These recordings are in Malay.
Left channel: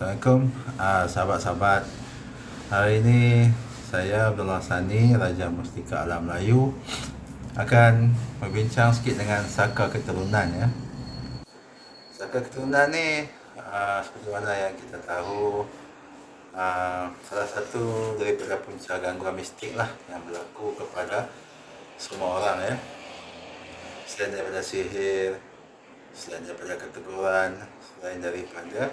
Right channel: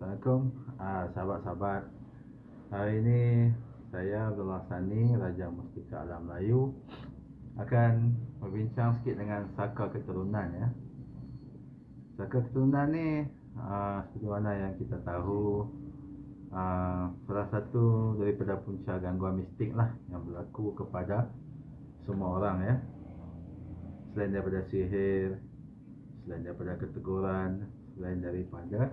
Assalamualaikum, sahabat-sahabat. Hari ini saya Abdullah Sani, Raja Mustika Alam Melayu, akan berbincang sikit dengan saka keturunan ya. Saka keturunan ni seperti mana yang kita tahu, salah satu daripada punca gangguan mistik lah yang berlaku kepada semua orang ya. Selain daripada sihir, selain daripada keteguran, selain daripada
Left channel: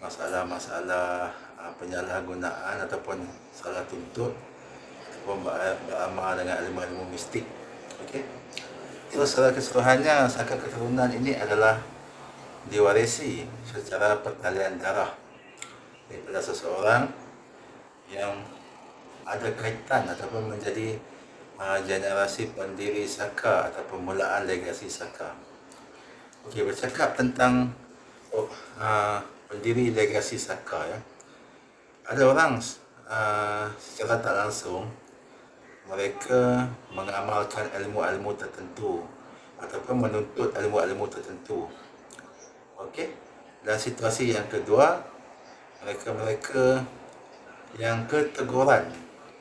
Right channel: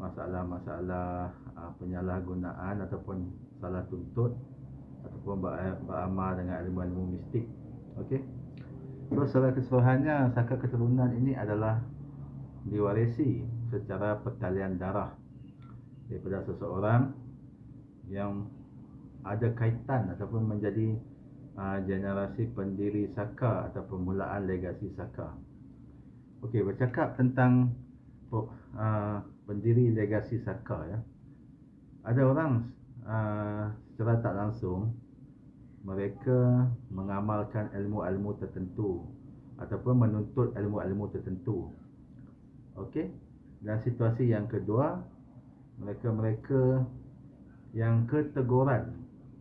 masalah-masalah penyalahgunaan ataupun salah tuntut ataupun beramal dengan ilmu-ilmu mistik. Okey. So, secara keseluruhannya saka keturunan ini adalah diwarisi secara pertalian darah daripada seseorang yang ada kaitan ataupun menjadi generasi pendiri saka atau permulaan legasi saka. Okey, bercakap tentang pendiri legasi saka ya. Ada orang secara tak langsung mereka mengamalkan ilmu-ilmu tertentu ataupun menuntut ilmu-ilmu tertentu. Okey. Dan situasi yang kedua, mereka-mereka yang keteguran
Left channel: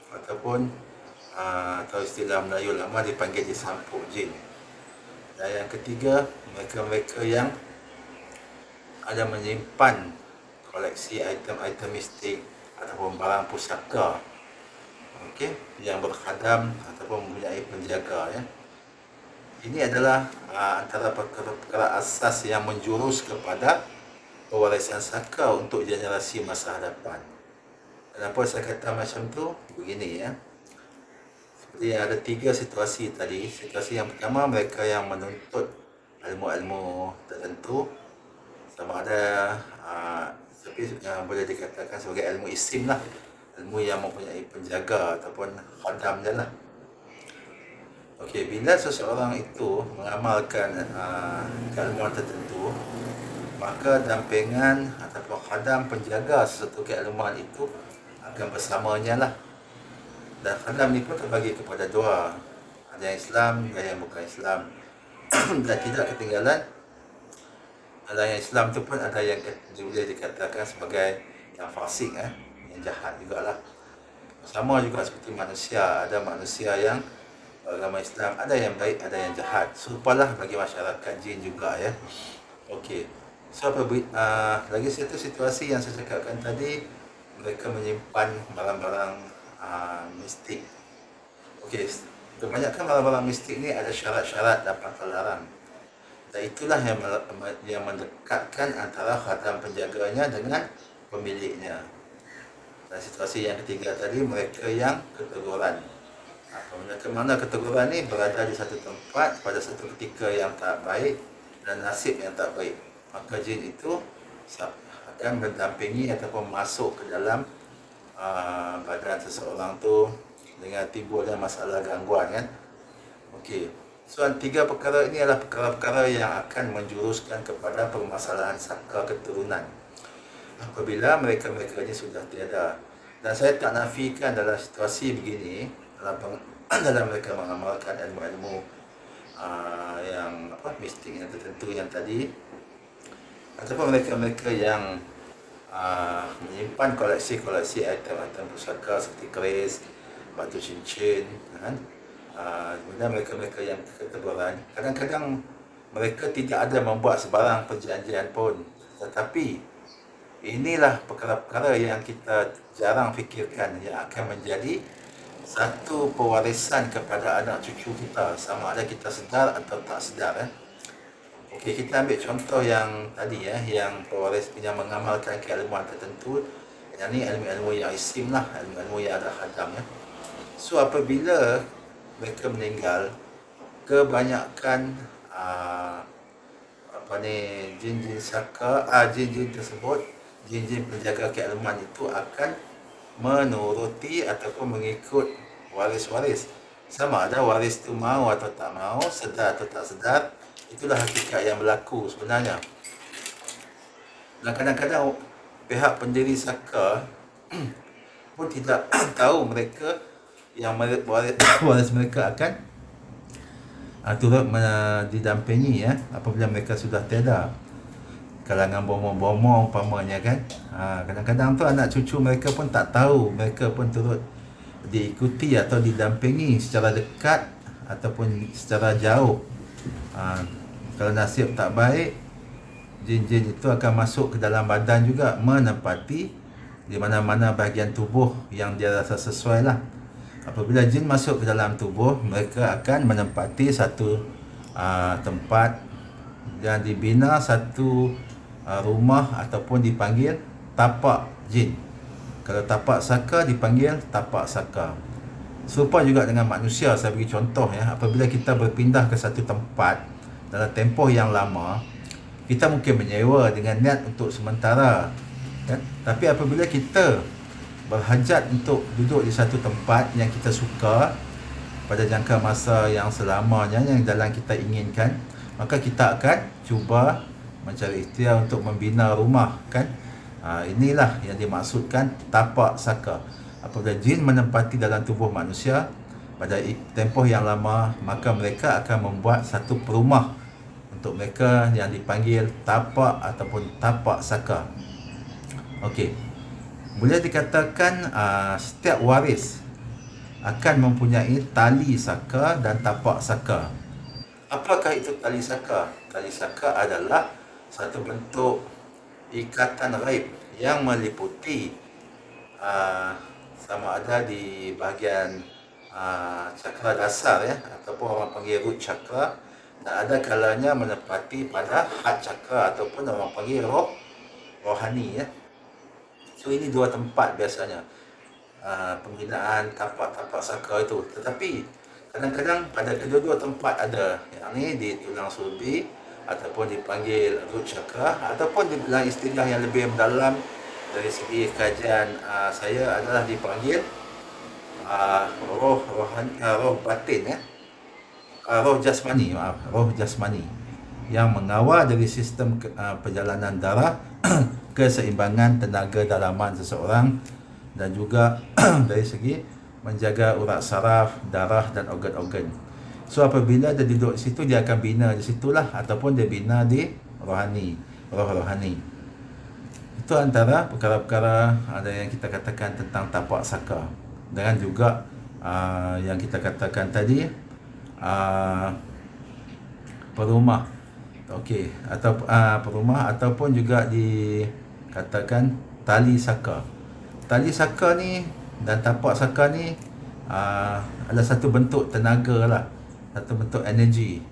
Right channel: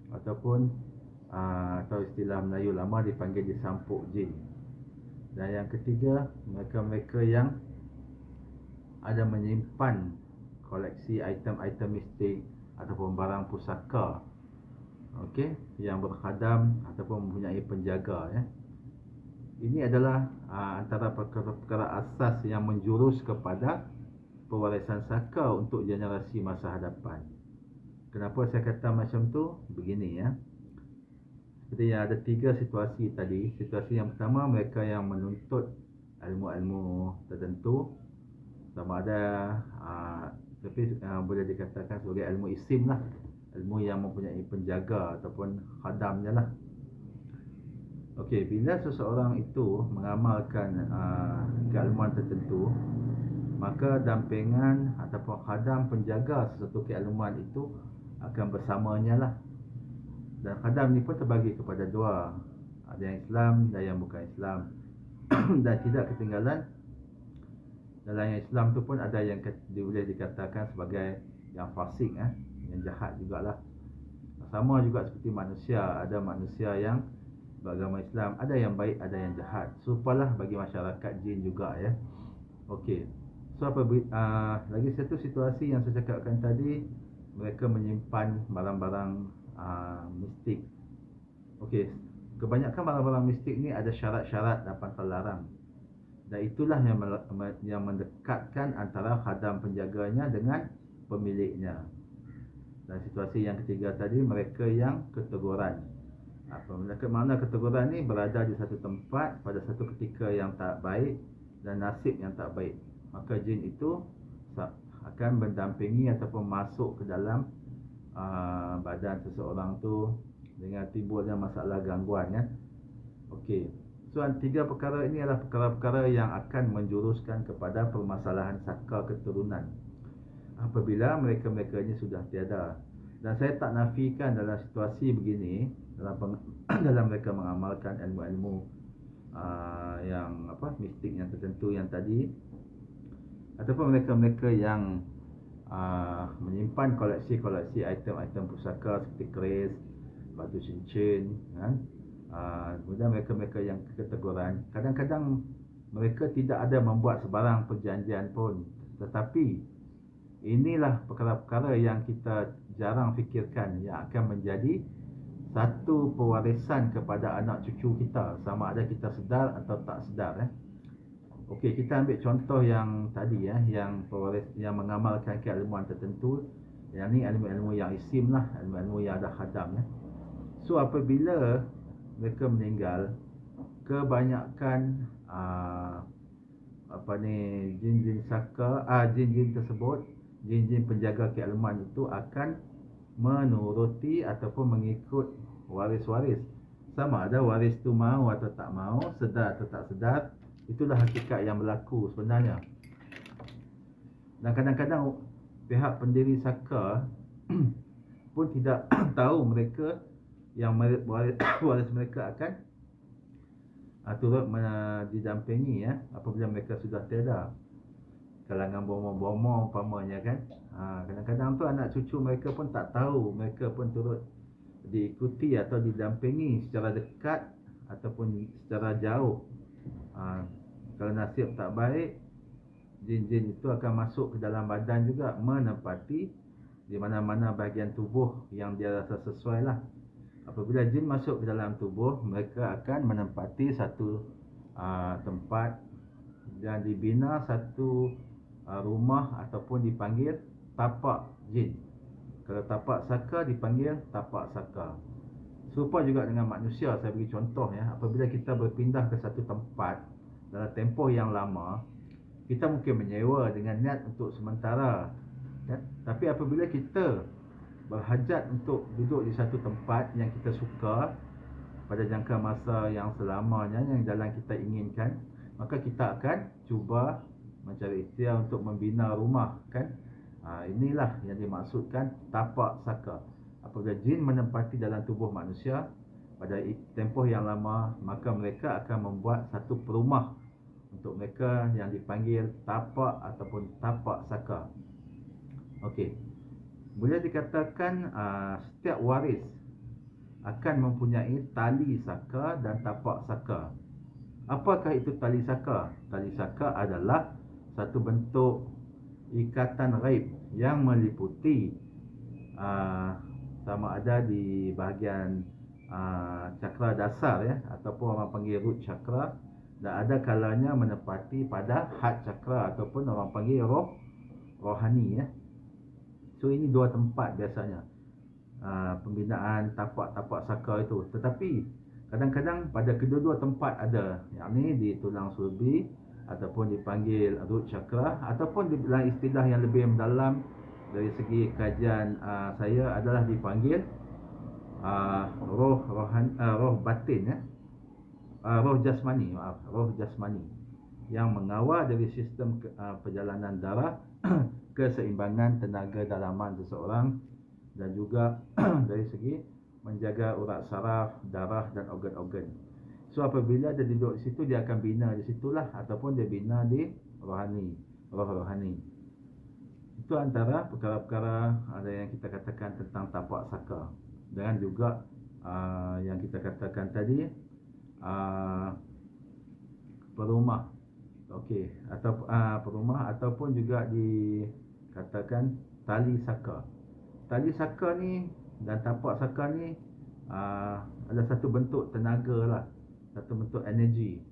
ataupun atau istilah Melayu lama dipanggil disampuk jin. Dan yang ketiga, mereka-mereka yang ada menyimpan koleksi item-item mistik ataupun barang pusaka, okey, yang berkhadam ataupun mempunyai penjaga ya. Ini adalah antara perkara-perkara asas yang menjurus kepada pewarisan saka untuk generasi masa hadapan. Kenapa saya kata macam tu? Begini ya. Seperti ada tiga situasi tadi. Situasi yang pertama, mereka yang menuntut ilmu-ilmu tertentu, sama ada boleh dikatakan sebagai ilmu isim lah, ilmu yang mempunyai penjaga ataupun khadam je lah. Okey, bila seseorang itu mengamalkan keilmuan tertentu, maka dampingan ataupun khadam penjaga sesuatu keilmuan itu akan bersamanya lah. Dan khadam ni pun terbagi kepada dua, ada yang Islam dan yang bukan Islam. Dan tidak ketinggalan, dalam yang Islam tu pun ada yang boleh dikatakan sebagai yang fasik yang jahat jugalah. Sama juga seperti manusia, ada manusia yang beragama Islam, ada yang baik, ada yang jahat. Serupalah bagi masyarakat jin juga ya. Okey. So lagi satu situasi yang saya cakapkan tadi, mereka menyimpan barang-barang mistik. Okey, kebanyakan barang-barang mistik ni ada syarat-syarat dan terlarang. Dan itulah yang mendekatkan antara khadam penjaganya dengan pemiliknya. Dan situasi yang ketiga tadi, mereka yang keteguran. Mana keteguran ni berada di satu tempat pada satu ketika yang tak baik dan nasib yang tak baik, maka jin itu akan mendampingi ataupun masuk ke dalam badan seseorang tu dengan timbulnya masalah gangguan kan. Okey. So, tiga perkara ini adalah perkara-perkara yang akan menjuruskan kepada permasalahan saka keturunan apabila mereka-mereka ini sudah tiada. Dan saya tak nafikan dalam situasi begini, dalam mereka mengamalkan ilmu-ilmu yang mistik yang tertentu yang tadi, ataupun mereka-mereka yang menyimpan koleksi-koleksi item-item pusaka seperti keris, batu cincin kan. Kemudian mereka-mereka yang keteguran, kadang-kadang mereka tidak ada membuat sebarang perjanjian pun, tetapi inilah perkara-perkara yang kita jarang fikirkan yang akan menjadi satu pewarisan kepada anak cucu kita, sama ada kita sedar atau tak sedar Okey, kita ambil contoh yang tadi yang pewaris yang mengamalkan keilmuan tertentu. Yang ni ilmu-ilmu yang isim lah, ilmu-ilmu yang ada khadam ya. So, apabila mereka meninggal, kebanyakan jin-jin saka, jin-jin tersebut, jin-jin penjaga keilmuan itu akan menuruti ataupun mengikut waris-waris. Sama ada waris tu mau atau tak mau, sedar atau tak sedar, itulah hakikat yang berlaku sebenarnya. Dan kadang-kadang pihak pendiri saka pun tidak tahu mereka yang waris mereka akan turut didampingi apabila mereka sudah tiada. kalangan bomoh-bomoh umpamanya kan. Kadang-kadang tu anak cucu mereka pun tak tahu, mereka pun turut diikuti atau didampingi secara dekat ataupun secara jauh. Kalau nasib tak baik, jin-jin itu akan masuk ke dalam badan juga, menempati di mana-mana bahagian tubuh yang dia rasa sesuai lah. Apabila jin masuk ke dalam tubuh, mereka akan menempati satu tempat yang dibina satu rumah ataupun dipanggil tapak jin. Kalau tapak saka dipanggil tapak saka. Serupa juga dengan manusia, saya bagi contoh ya. Apabila kita berpindah ke satu tempat dalam tempoh yang lama, kita mungkin menyewa dengan niat untuk sementara kan? Tapi apabila kita berhajat untuk duduk di satu tempat yang kita suka pada jangka masa yang selamanya, yang dalam kita inginkan, maka kita akan cuba mencari ikhtiar untuk membina rumah kan. Inilah yang dimaksudkan tapak saka. Apabila jin menempati dalam tubuh manusia pada tempoh yang lama, maka mereka akan membuat satu perumah untuk mereka yang dipanggil tapak ataupun tapak saka. Okey. Boleh dikatakan setiap waris akan mempunyai tali saka dan tapak saka. Apakah itu tali saka? Tali saka adalah satu bentuk ikatan raib yang meliputi sama ada di bahagian cakra dasar ya, ataupun orang panggil root chakra, dan ada kalanya menepati pada heart chakra ataupun orang panggil rohani ya. So ini dua tempat biasanya pembinaan tapak-tapak saka itu. Tetapi kadang-kadang pada kedua-dua tempat ada, yang ni di tulang sulbi ataupun dipanggil root chakra, ataupun dalam istilah yang lebih mendalam dari segi kajian saya adalah dipanggil roh batin ya, roh jasmani, roh jasmani yang mengawal dari sistem perjalanan darah, keseimbangan tenaga dalaman seseorang, dan juga dari segi menjaga urat saraf, darah dan organ-organ. So apabila dia duduk di situ, dia akan bina di situlah, ataupun dia bina di rohani, roh rohani. Itu antara perkara-perkara ada yang kita katakan tentang tapak saka. Dengan juga yang kita katakan tadi perumah. Okey, atau perumah ataupun juga dikatakan tali saka. Tali saka ni dan tapak saka ni adalah satu bentuk tenaga lah, satu bentuk energi.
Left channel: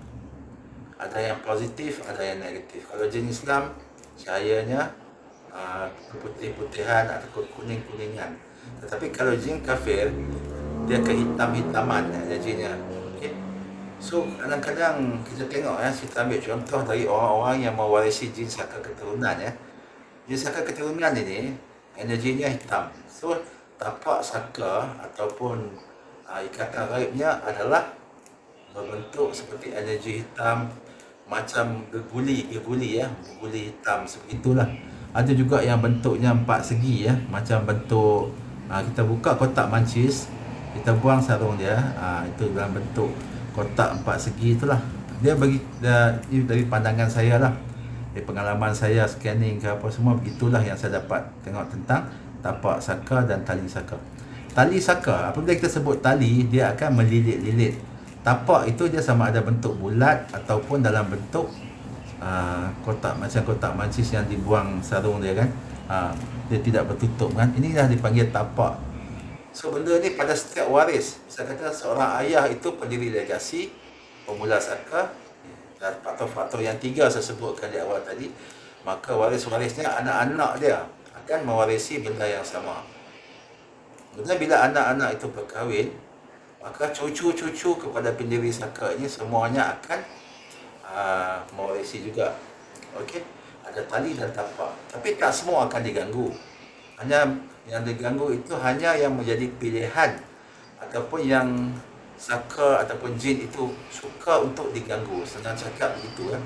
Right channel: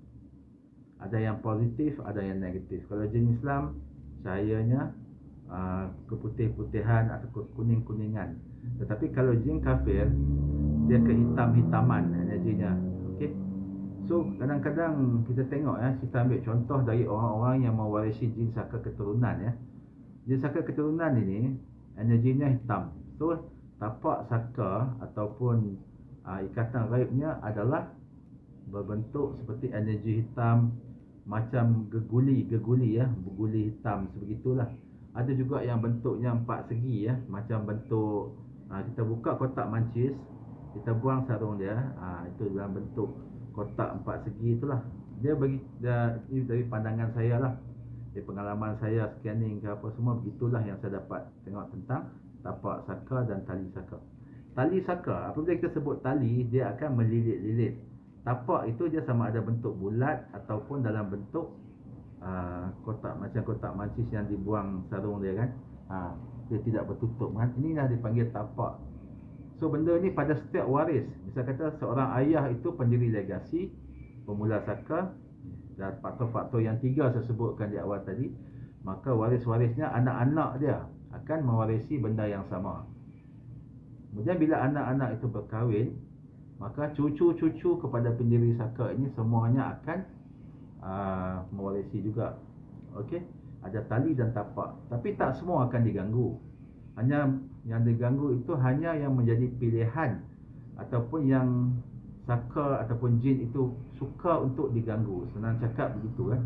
Ada yang positif, ada yang negatif. Kalau jin Islam, cahayanya keputih-putihan atau kuning-kuningan. Tetapi kalau jin kafir, dia kehitam-hitaman energinya. Okey. So kadang-kadang kita tengok kita ambil contoh dari orang-orang yang mewarisi jin saka keturunan ya. Jin saka keturunan ini energinya hitam. So tapak saka ataupun ikatan raibnya adalah berbentuk seperti energi hitam, macam geguli ya, geguli hitam sebegitulah. Ada juga yang bentuknya empat segi ya, macam bentuk kita buka kotak mancis, kita buang sarung dia, itu dalam bentuk kotak empat segi itulah. Dia ini dari pandangan saya lah, dari pengalaman saya scanning ke apa semua, begitulah yang saya dapat tengok tentang tapak saka dan tali saka. Tali saka, apabila kita sebut tali, dia akan melilit-lilit. Tapak itu dia sama ada bentuk bulat ataupun dalam bentuk kotak, macam kotak mancis yang dibuang sarung dia kan. Dia tidak bertutup kan. Inilah dipanggil tapak. So benda ni pada setiap waris, misal kata seorang ayah itu pendiri legasi, pemula saka, dan faktor-faktor yang tiga saya sebutkan di awal tadi, maka waris-warisnya anak-anak dia akan mewarisi benda yang sama. Kemudian bila anak-anak itu berkahwin, maka cucu-cucu kepada pendiri saka ini semuanya akan mewarisi juga. Okey, ada tali dan tapak. Tapi tak semua akan diganggu. Hanya yang diganggu itu hanya yang menjadi pilihan ataupun yang saka ataupun jin itu suka untuk diganggu. Senang cakap begitu kan.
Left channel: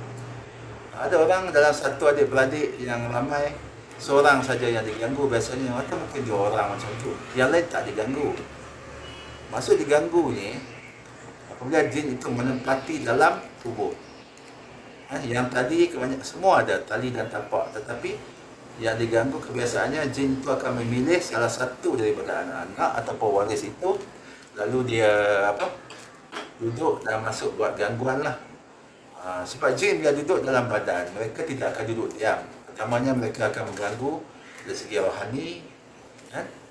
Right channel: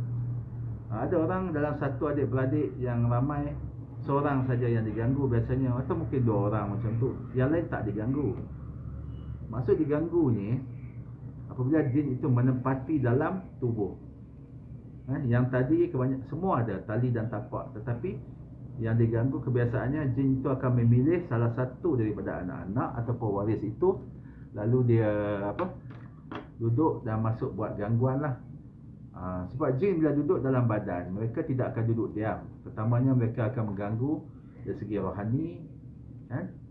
Ada orang dalam satu adik-beradik yang ramai, seorang saja yang diganggu biasanya, atau mungkin dua orang macam tu. Yang lain tak diganggu. Maksud diganggu ni apabila jin itu menempati dalam tubuh. Yang tadi semua ada tali dan tapak, tetapi yang diganggu kebiasaannya jin itu akan memilih salah satu daripada anak-anak ataupun waris itu, lalu dia duduk dan masuk buat gangguan lah. Sebab jin bila duduk dalam badan, mereka tidak akan duduk diam. Pertamanya mereka akan mengganggu dari segi rohani,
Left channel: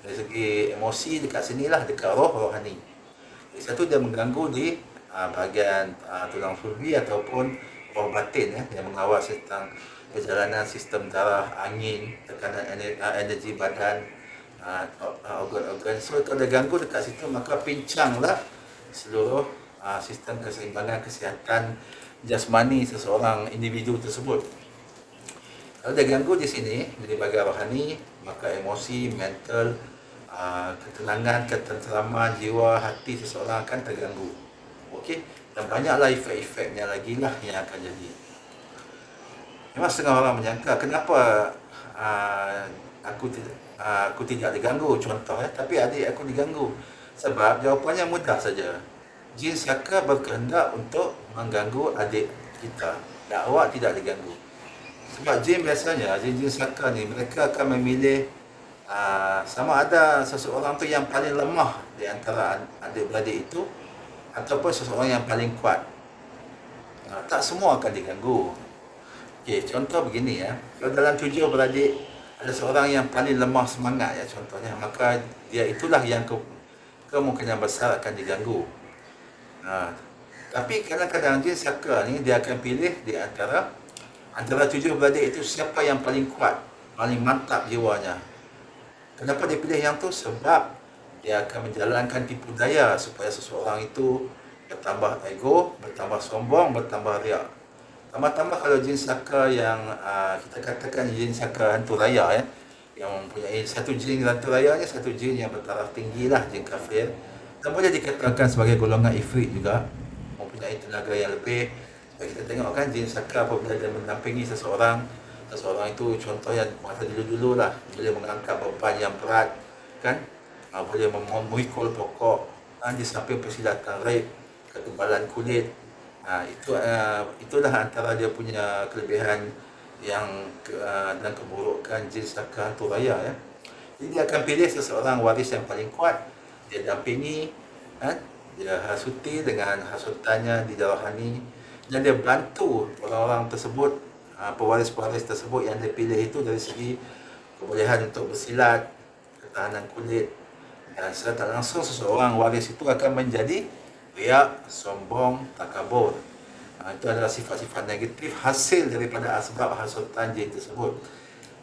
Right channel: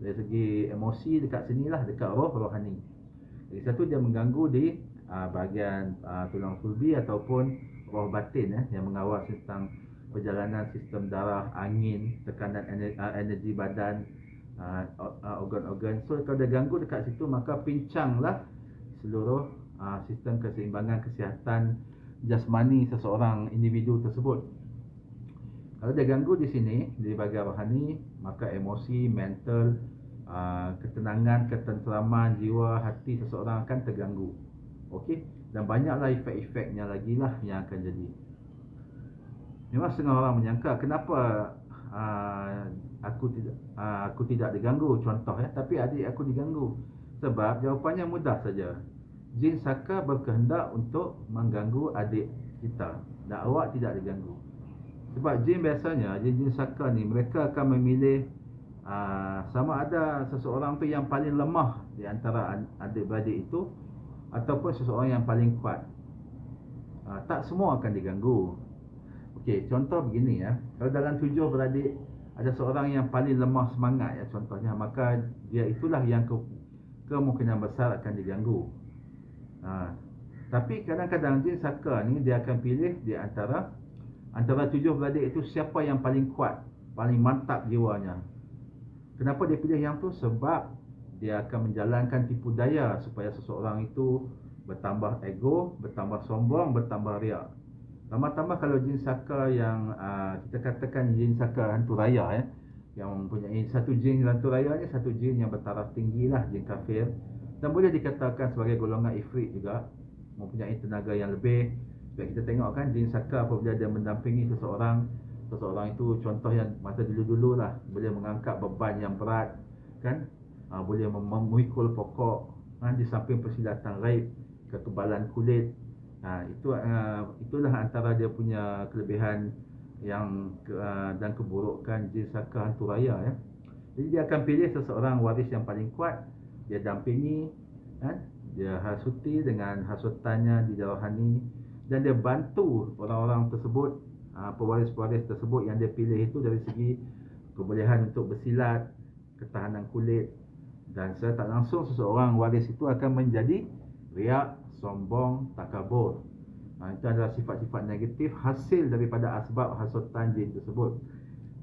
dari segi emosi dekat sinilah, dekat rohani. Jadi satu dia mengganggu di bahagian tulang sulbi ataupun roh batin yang mengawal tentang perjalanan sistem darah, angin, tekanan energi badan, organ-organ. So kalau dia ganggu dekat situ, maka pincanglah seluruh sistem keseimbangan kesihatan jasmani seseorang individu tersebut. Kalau dia ganggu di sini, di bahagian rohani, maka emosi, mental, ketenangan, ketenteraman jiwa, hati seseorang akan terganggu. Okey, dan banyaklah efek-efeknya lagi lah yang akan jadi. Memang setengah orang menyangka kenapa aku tidak diganggu, contoh tapi adik aku diganggu. Sebab jawapannya mudah saja. Jin Saka berkehendak untuk mengganggu adik kita, dan awak tidak diganggu. Sebab jin biasanya, jin Saka ni, mereka akan memilih sama ada seseorang tu yang paling lemah di antara adik-beradik itu, ataupun seseorang yang paling kuat. Tak semua akan diganggu. Okey, contoh begini kalau dalam 7 beradik ada seorang yang paling lemah semangat contohnya, maka dia itulah yang kemungkinan besar akan diganggu. Tapi kadang-kadang jin Saka ni dia akan pilih di antara 7 beradik itu siapa yang paling kuat, paling mantap jiwanya. Kenapa dia pilih yang tu? Sebab dia akan menjalankan tipu daya supaya seseorang itu bertambah ego, bertambah sombong, bertambah riak. Tambah-tambah kalau jin Saka yang kita katakan jin Saka hantu raya yang mempunyai satu jin hantu rayanya, satu jin yang bertaraf tinggi lah, jin kafir, dan boleh dikatakan sebagai golongan ifrit juga, mempunyai tenaga yang lebih. Dan kita tengok kan jin Saka apabila dia mendampingi seseorang itu, contohnya masa dulu-dulu lah, boleh mengangkat beban yang berat kan, boleh memikul pokok, di samping persilatan raib, ketebalan kulit. Itulah antara dia punya kelebihan dan keburukan jin Saka hantu raya Jadi dia akan pilih seseorang waris yang paling kuat, dia dampingi, dia hasuti dengan hasutannya di rohani, dan dia bantu orang-orang tersebut, pewaris-pewaris tersebut yang dia pilih itu dari segi kebolehan untuk bersilat, ketahanan kulit, dan secara tak langsung seseorang waris itu akan menjadi riak, sombong, takabur. Itu adalah sifat-sifat negatif hasil daripada asbab hasutan jin tersebut.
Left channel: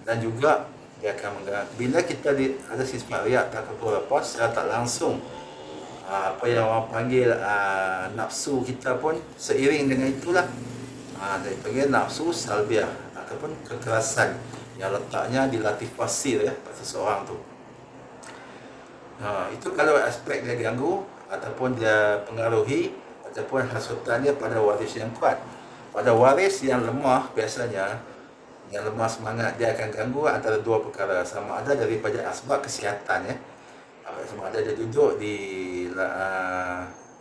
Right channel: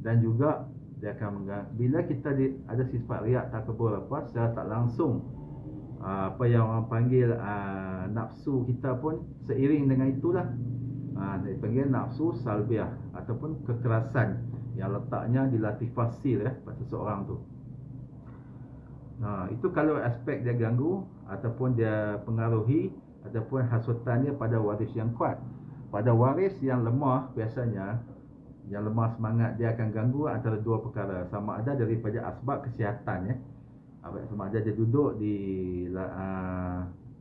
Dan juga dia akan bila kita ada sifat riak, takabur secara tak langsung, apa yang orang panggil nafsu kita pun seiring dengan itulah, dia panggil nafsu salbiah ataupun kekerasan yang letaknya di latifah sir pada seseorang tu. Itu kalau aspek dia ganggu ataupun dia pengaruhi ataupun hasutannya pada waris yang kuat. Pada waris yang lemah, biasanya yang lemah semangat, dia akan ganggu antara dua perkara. Sama ada daripada asbab kesihatan sama ada dia duduk di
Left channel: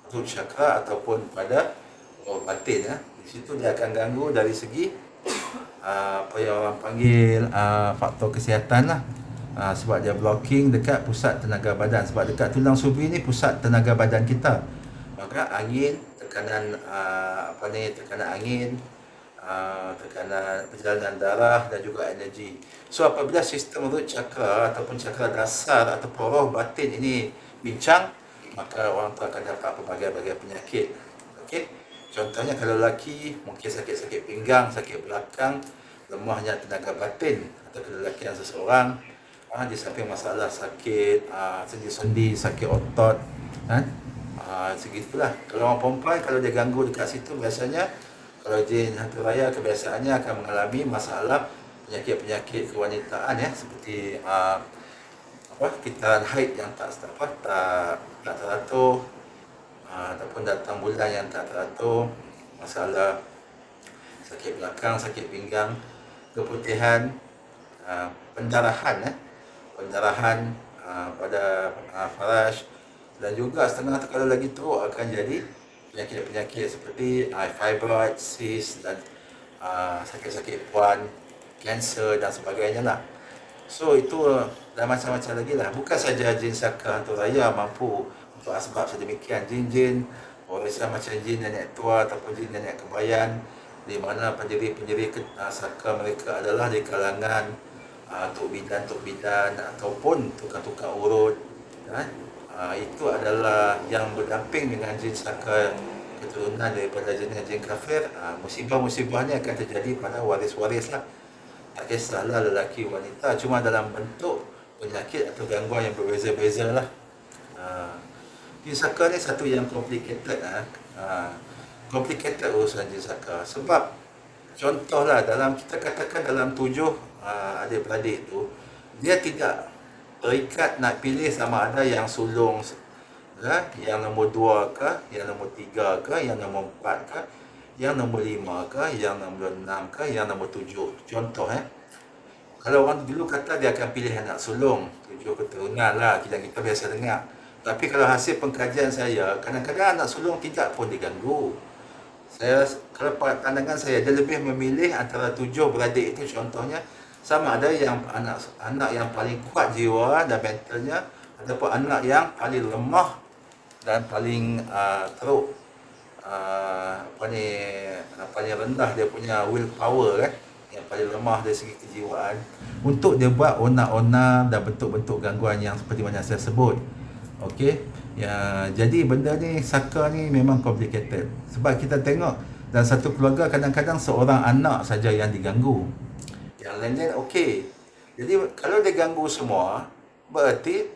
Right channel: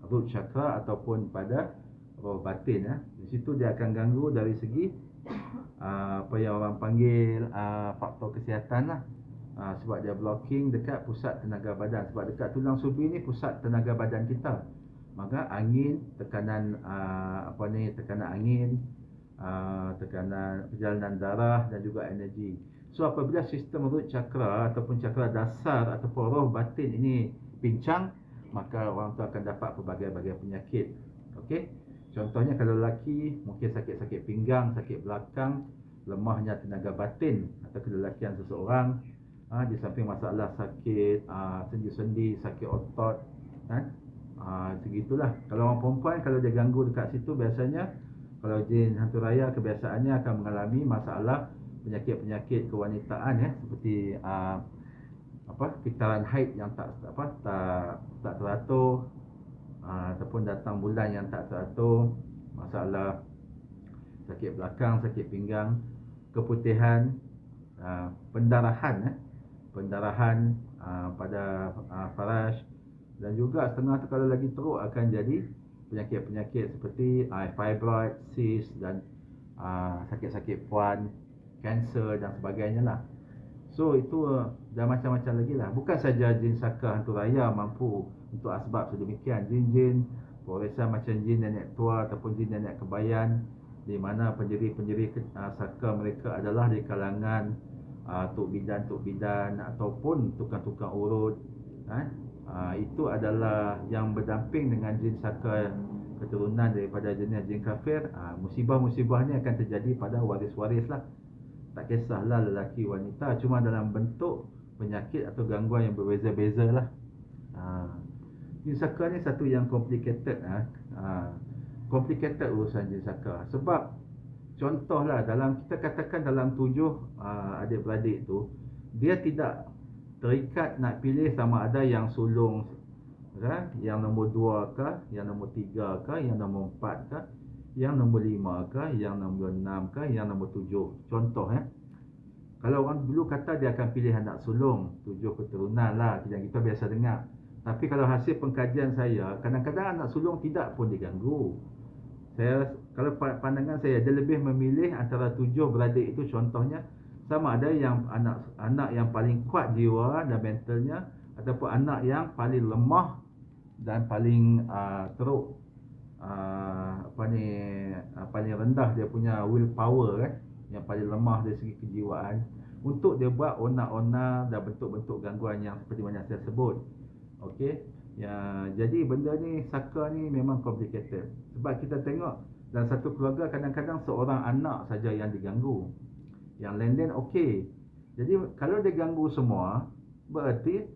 root chakra ataupun pada roh batin Di situ dia akan ganggu dari segi apa yang orang panggil faktor kesihatan lah. Sebab dia blocking dekat pusat tenaga badan. Sebab dekat tulang sulbi ni pusat tenaga badan kita. Maka angin, tekanan tekanan angin, tekanan perjalanan darah dan juga energi. So apabila sistem root chakra ataupun chakra dasar ataupun roh batin ini bincang, maka orang tu akan dapat pelbagai-bagai penyakit. Okey. Contohnya kalau lelaki mungkin sakit-sakit pinggang, sakit belakang, lemahnya tenaga batin atau kelelakian seseorang, di samping masalah sakit sendi-sendi, sakit otot, segitulah. Kalau orang perempuan, kalau dia ganggu dekat situ, biasanya kalau jin hantu raya kebiasaannya akan mengalami masalah penyakit-penyakit kewanitaan seperti kitaran haid yang tak teratur, ataupun datang bulan yang tak teratur, masalah sakit belakang, sakit pinggang, keputihan, pendarahan pada faraj, dan juga setengah tu kalau lagi teruk akan jadi penyakit-penyakit seperti fibroid, cyst dan sakit-sakit puan, kanser dan sebagainya lah. So itu dan macam-macam lagi lah. Bukan saja jin saka hantu raya mampu untuk asbab sedemikian. Jin-jin warisan macam jin nenek tua ataupun jin nenek kebayan, di mana pendiri-pendiri saka mereka adalah di kalangan tok bidan ataupun tukang-tukang urut, kan? Itu adalah yang berdamping dengan jin saka keturunan daripada jin kafir. Musibah-musibah ni akan terjadi pada waris-waris lah. Tak kisahlah lelaki wanita, cuma dalam bentuk penyakit atau gangguan yang berbeza-beza lah. Jin saka ni satu yang complicated. Complicated urusan jin saka. Sebab contohlah dalam kita katakan dalam 7 adik-beradik tu, dia tidak terikat nak pilih sama ada yang sulung yang nombor 2 ke, yang nombor 3 ke, yang nombor 4 ke, yang nombor 5 ke, yang nombor 6 ke, yang nombor 7. Contoh kalau orang dulu kata dia akan pilih anak sulung, 7 keturunan lah, kita biasa dengar. Tapi kalau hasil pengkajian saya, kadang-kadang anak sulung tidak pun diganggu. Kalau pandangan saya, dia lebih memilih antara 7 beradik itu, contohnya sama ada yang anak yang paling kuat jiwa dan mentalnya, ataupun anak yang paling lemah dan paling teruk, paling rendah dia punya willpower, yang paling lemah dari segi kejiwaan, untuk dia buat onak-onak dan bentuk-bentuk gangguan yang seperti mana saya sebut. Okey, jadi benda ni, saka ni memang complicated. Sebab kita tengok dalam satu keluarga kadang-kadang seorang anak saja yang diganggu, yang lain-lain okey. Jadi kalau dia ganggu semua, berarti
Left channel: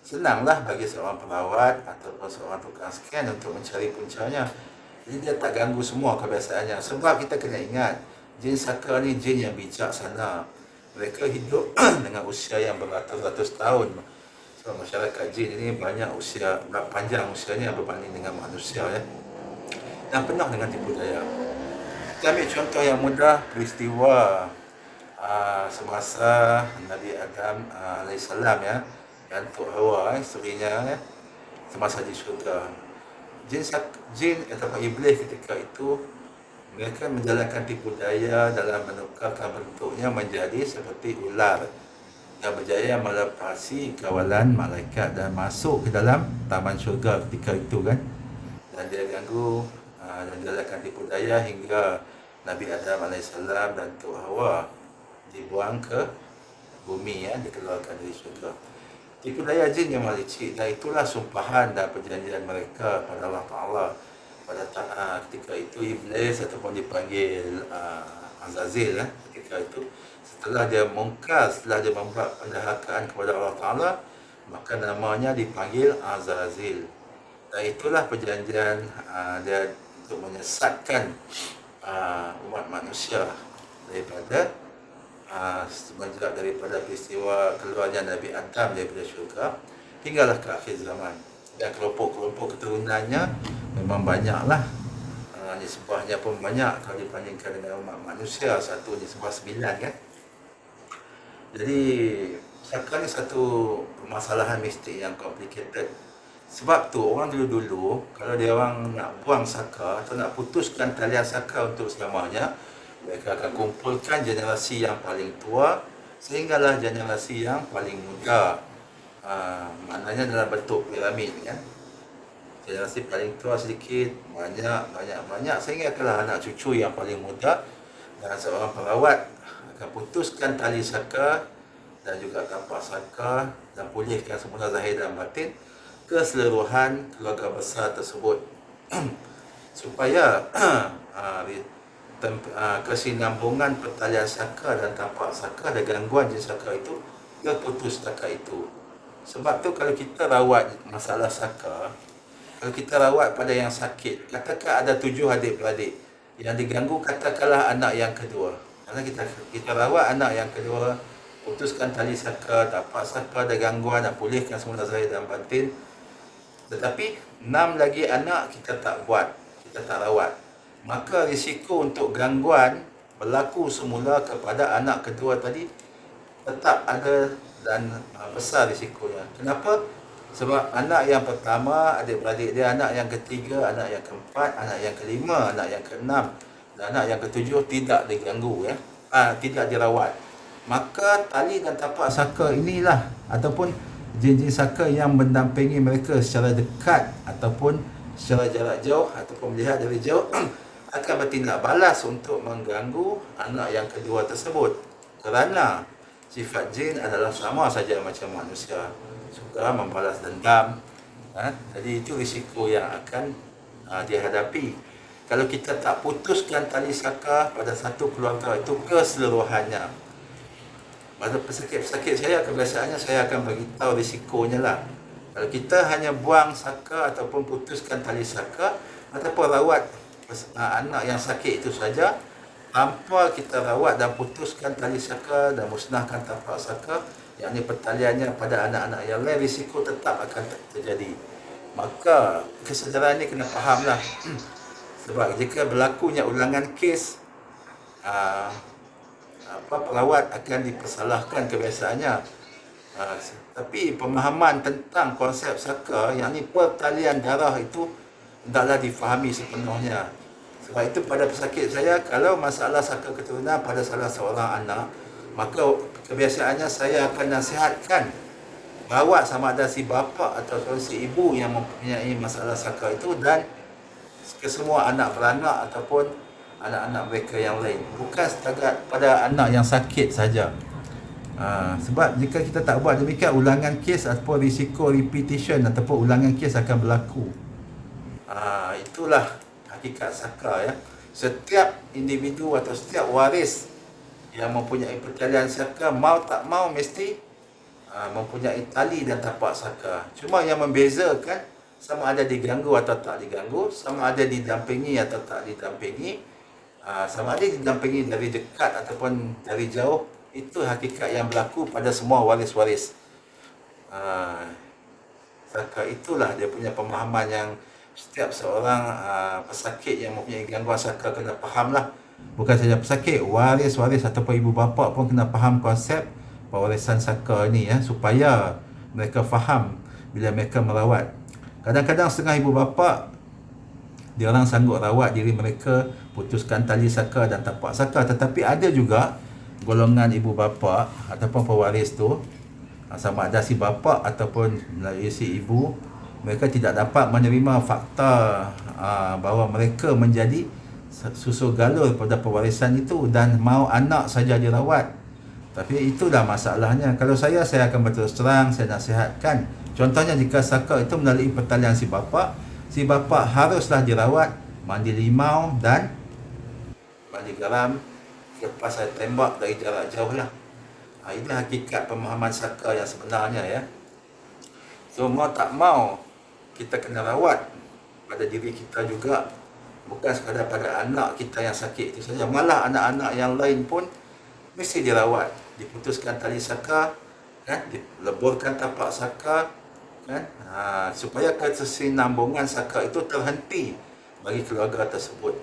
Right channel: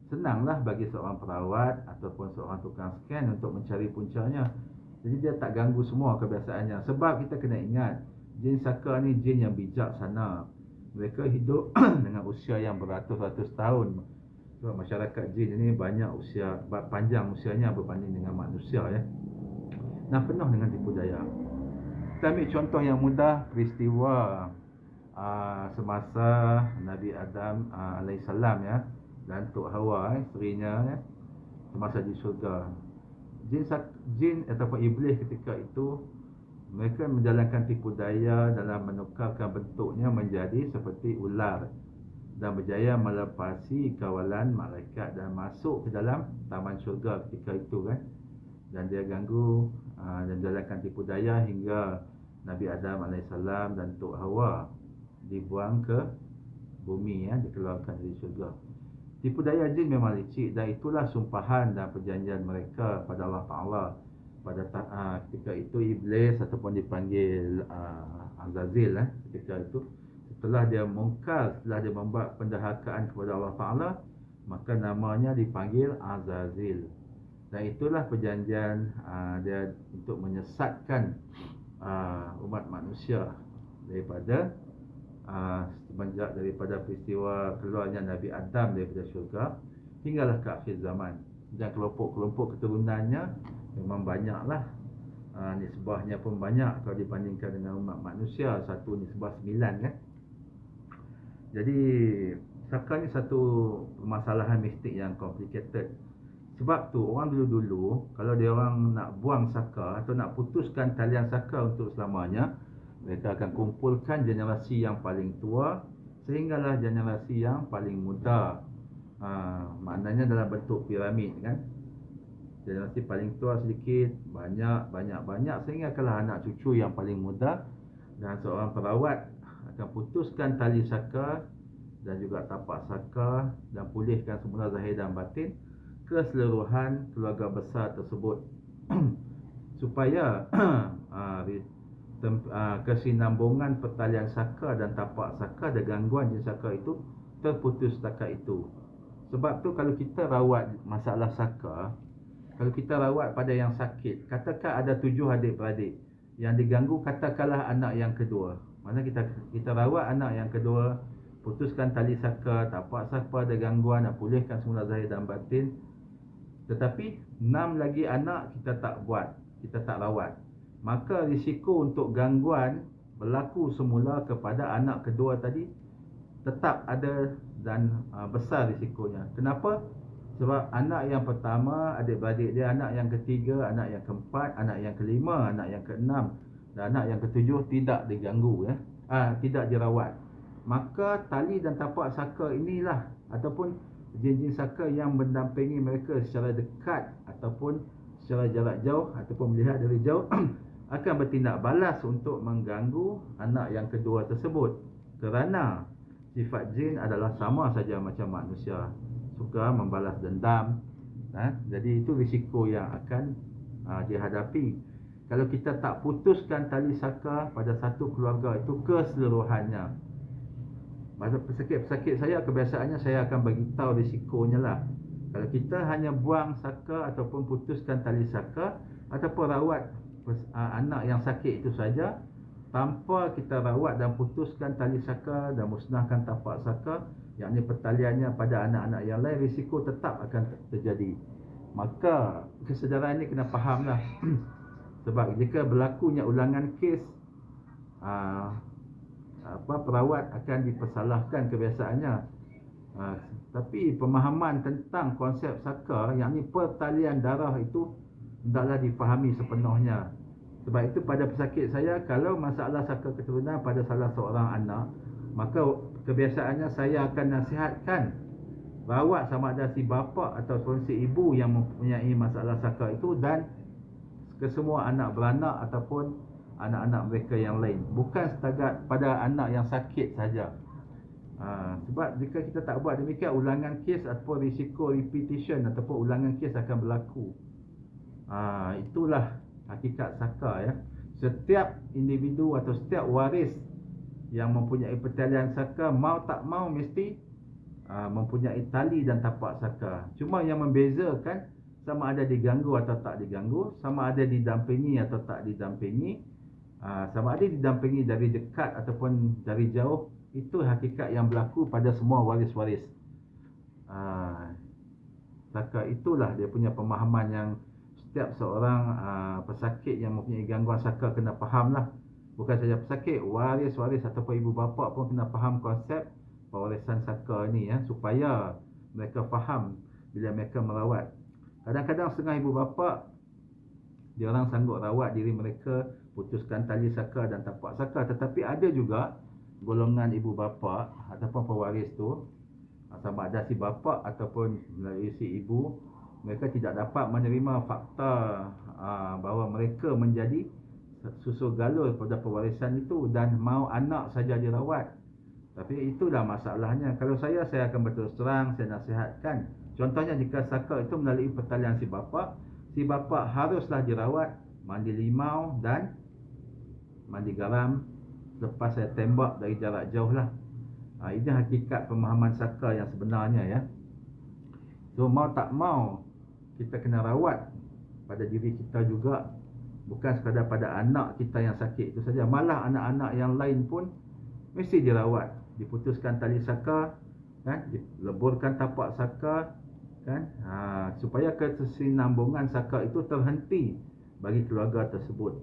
senanglah bagi seorang perawat ataupun seorang tukang scan untuk mencari puncanya. Jadi dia tak ganggu semua kebiasaannya. Sebab kita kena ingat, jin saka ni jin yang bijaksana. Mereka hidup dengan usia yang beratus-ratus tahun. Sebab masyarakat jin ini banyak panjang usianya berbanding dengan manusia, dan penuh dengan tipu daya. Kita ambil contoh yang mudah, peristiwa semasa Nabi Adam alaihissalam, dan Tok Hawa, isterinya, semasa di syurga. Jin ataupun iblis ketika itu, mereka menjalankan tipu daya dalam menukarkan bentuknya menjadi seperti ular, dan berjaya melepasi kawalan malaikat dan masuk ke dalam taman syurga ketika itu, kan. Dan dia ganggu dan jalankan tipu daya hingga Nabi Adam AS dan Tok Hawa dibuang ke bumi, dikeluarkan dari syurga. Tipu daya jin memang licik, dan itulah sumpahan dan perjanjian mereka pada Allah Ta'ala. Pada ketika itu iblis ataupun dipanggil Azazil, ketika itu setelah dia mungkar, setelah dia membuat pendahakaan kepada Allah Ta'ala, maka namanya dipanggil Azazil. Dan itulah perjanjian dia untuk menyesatkan umat manusia daripada semenjak daripada peristiwa keluarnya Nabi Adam daripada syurga hinggalah ke akhir zaman. Dan kelompok-kelompok keturunannya memang banyaklah. Nisbahnya pun banyak kalau dibandingkan dengan umat manusia. Satu nisbah 9, kan. Jadi saka ni satu permasalahan mistik yang complicated. Sebab tu orang dulu-dulu kalau dia orang nak buang saka atau nak putuskan talian saka untuk selamanya, mereka akan kumpulkan generasi yang paling tua sehinggalah generasi yang paling muda. Maknanya dalam bentuk piramid, kan. Generasi paling tua sedikit, banyak sehingga adalah anak cucu yang paling muda. Dan seorang perawat akan putuskan tali saka dan juga tapak saka dan pulihkan semula zahir dan batin keseluruhan keluarga besar tersebut supaya kesinambungan pertalian saka dan tapak saka dan gangguan jin saka itu terputus setakat itu. Sebab tu kalau kita rawat masalah saka, kalau kita rawat pada yang sakit, katakan ada 7 adik-beradik yang diganggu, katakanlah anak yang kedua. Mana kita rawat anak yang kedua, putuskan tali saka, tapak saka, ada gangguan, nak pulihkan semula zahir dan batin. Tetapi 6 lagi anak kita tak buat, kita tak rawat. Maka risiko untuk gangguan berlaku semula kepada anak kedua tadi tetap ada dan besar risikonya. Kenapa? Sebab anak yang pertama, adik-beradik dia, anak yang ketiga, anak yang keempat, anak yang kelima, anak yang keenam, dan anak yang ketujuh tidak diganggu ya. Tidak dirawat. Maka tali dan tapak saka inilah ataupun jin-jin saka yang mendampingi mereka secara dekat ataupun secara jarak jauh ataupun melihat dari jauh akan bertindak balas untuk mengganggu anak yang kedua tersebut, kerana sifat jin adalah sama saja macam manusia, suka membalas dendam. Jadi itu risiko yang akan dihadapi kalau kita tak putuskan tali saka pada satu keluarga itu keseluruhannya. Pada pesakit-pesakit saya, kebiasaannya saya akan beritahu risikonya lah. Kalau kita hanya buang saka ataupun putuskan tali saka ataupun rawat anak yang sakit itu saja tanpa kita rawat dan putuskan tali saka dan musnahkan tapak saka, yakni pertaliannya pada anak-anak yang lain, risiko tetap akan terjadi. Maka kesedaran ini kena fahamlah. Sebab jika berlakunya ulangan kes, perawat akan dipersalahkan kebiasaannya. Tapi pemahaman tentang konsep saka, yakni pertalian darah itu hendaklah difahami sepenuhnya. Sebab itu pada pesakit saya, kalau masalah saka keturunan pada salah seorang anak, maka kebiasaannya saya akan nasihatkan rawat sama ada si bapa atau si ibu yang mempunyai masalah saka itu dan ke semua anak beranak ataupun anak-anak mereka yang lain, bukan setakat pada anak yang sakit saja. Sebab jika kita tak buat demikian, ulangan kes ataupun risiko repetition ataupun ulangan kes akan berlaku. Itulah hakikat saka ya. Setiap individu atau setiap waris yang mempunyai pertalian saka, mau tak mau mesti mempunyai tali dan tapak saka. Cuma yang membezakan sama ada diganggu atau tak diganggu, sama ada didampingi atau tak didampingi, sama ada didampingi dari dekat ataupun dari jauh. Itu hakikat yang berlaku pada semua waris-waris. Saka itulah dia punya pemahaman yang setiap seorang pesakit yang mempunyai gangguan saka kena fahamlah. Bukan saja pesakit, waris-waris ataupun ibu bapa pun kena faham konsep pewarisan saka ni ya, supaya mereka faham bila mereka merawat. Kadang-kadang setengah ibu bapa dia orang sanggup rawat diri mereka, putuskan tali saka dan tapak saka, tetapi ada juga golongan ibu bapa ataupun pewaris tu, sama ada si bapa ataupun si ibu, mereka tidak dapat menerima fakta bahawa mereka menjadi susu galur pada pewarisan itu dan mau anak saja dirawat. Tapi itulah masalahnya. Kalau saya akan berterus terang, saya nasihatkan. Contohnya jika saka itu melalui pertalian si bapa haruslah dirawat, mandi limau dan mandi garam lepas saya tembak dari jarak jauh lah. Ini hakikat pemahaman saka yang sebenarnya ya. So mau tak mau kita kena rawat pada diri kita juga, bukan sekadar pada anak kita yang sakit itu saja, malah anak-anak yang lain pun mesti dirawat, diputuskan tali saka kan, dileburkan tapak saka kan, supaya kesinambungan saka itu terhenti bagi keluarga tersebut.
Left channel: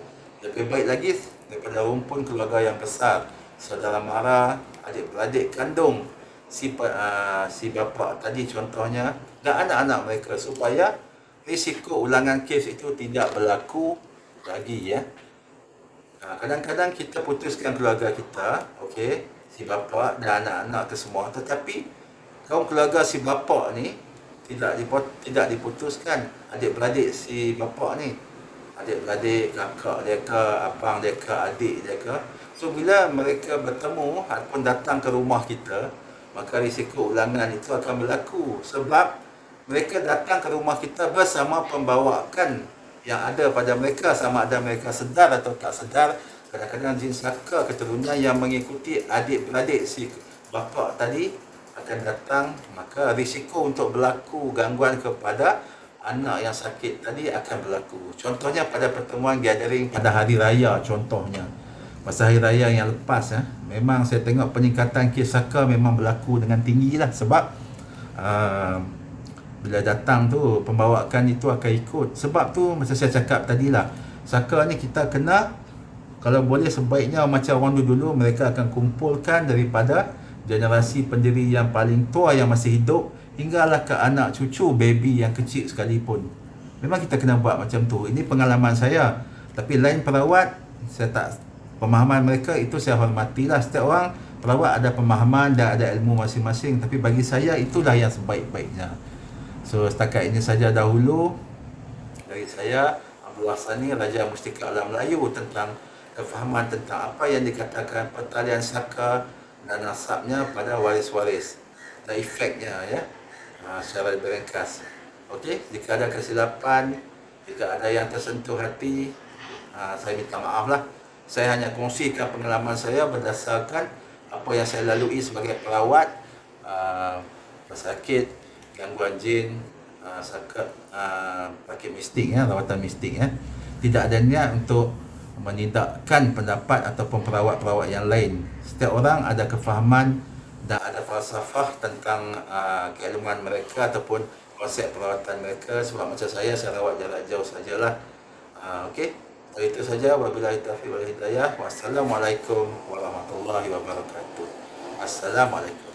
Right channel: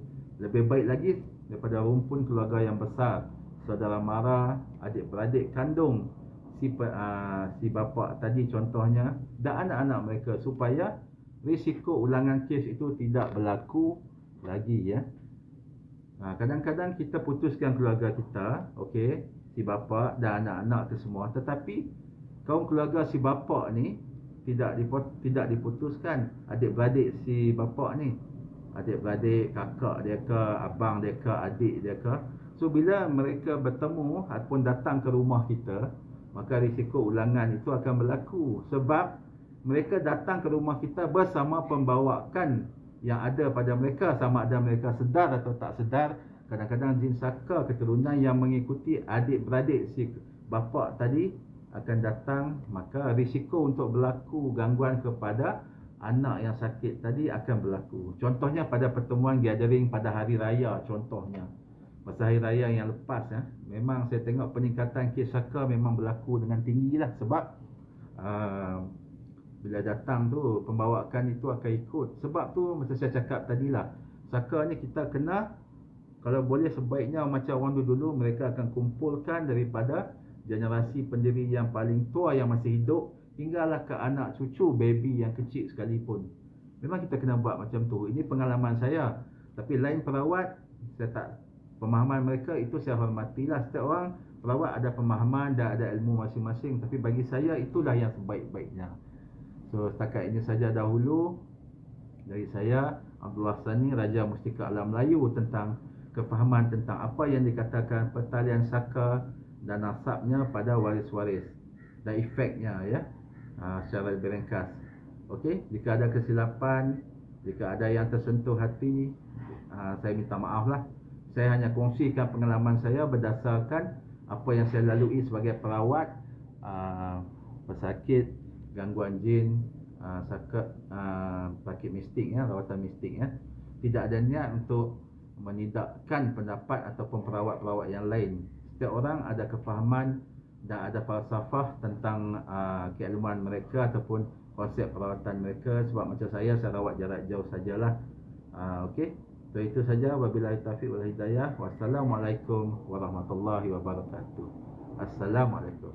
Lebih baik lagi daripada rumpun keluarga yang besar, saudara mara, adik-beradik kandung si bapa tadi contohnya dan anak-anak mereka, supaya risiko ulangan kes itu tidak berlaku lagi ya. Kadang-kadang kita putuskan keluarga kita, okey, si bapa dan anak-anak ke semua, tetapi kaum keluarga si bapa ni tidak diputuskan. Adik-beradik si bapa ni, adik-beradik, kakak dia ke, abang dia ke, adik dia ke. So bila mereka bertemu ataupun datang ke rumah kita, maka risiko ulangan itu akan berlaku, sebab mereka datang ke rumah kita bersama pembawaan yang ada pada mereka, sama ada mereka sedar atau tak sedar. Kadang-kadang jin saka keturunan yang mengikuti adik-beradik si bapa tadi akan datang, maka risiko untuk berlaku gangguan kepada anak yang sakit tadi akan berlaku. Contohnya pada pertemuan gathering pada hari raya, contohnya masa hari raya yang lepas ya, memang saya tengok peningkatan kes saka memang berlaku dengan tinggi lah. Sebab bila datang tu pembawaan itu akan ikut. Sebab tu macam saya cakap tadi lah, saka ni kita kena, kalau boleh sebaiknya macam orang dulu, mereka akan kumpulkan daripada generasi pendiri yang paling tua yang masih hidup hinggalah ke anak cucu baby yang kecil sekalipun. Memang kita kena buat macam tu. Ini pengalaman saya. Tapi lain perawat saya tak, pemahaman mereka itu saya hormatilah. Setiap orang perawat ada pemahaman dan ada ilmu masing-masing, tapi bagi saya itulah yang sebaik-baiknya. So setakat ini saja dahulu dari saya, Abdullah Sani, Raja Mustika Alam Melayu, tentang kefahaman tentang apa yang dikatakan pertalian saka dan nasabnya pada waris-waris dan efeknya, ya, secara lebih ringkas. Okey, jika ada kesilapan, jika ada yang tersentuh hati, saya minta maaf lah. Saya hanya kongsikan pengalaman saya berdasarkan apa yang saya lalui sebagai perawat, pesakit, gangguan jin, sakit mistik, ya, rawatan mistik, ya. Tidak ada niat untuk menidakkan pendapat ataupun perawat-perawat yang lain. Setiap orang ada kefahaman dan ada falsafah tentang keilmuan mereka ataupun konsep perawatan mereka. Sebab macam saya rawat jarak jauh sajalah. Okey, dari itu saja. Wabillahi taufiq wal hidayah. Wassalamualaikum warahmatullahi wabarakatuh. Assalamualaikum.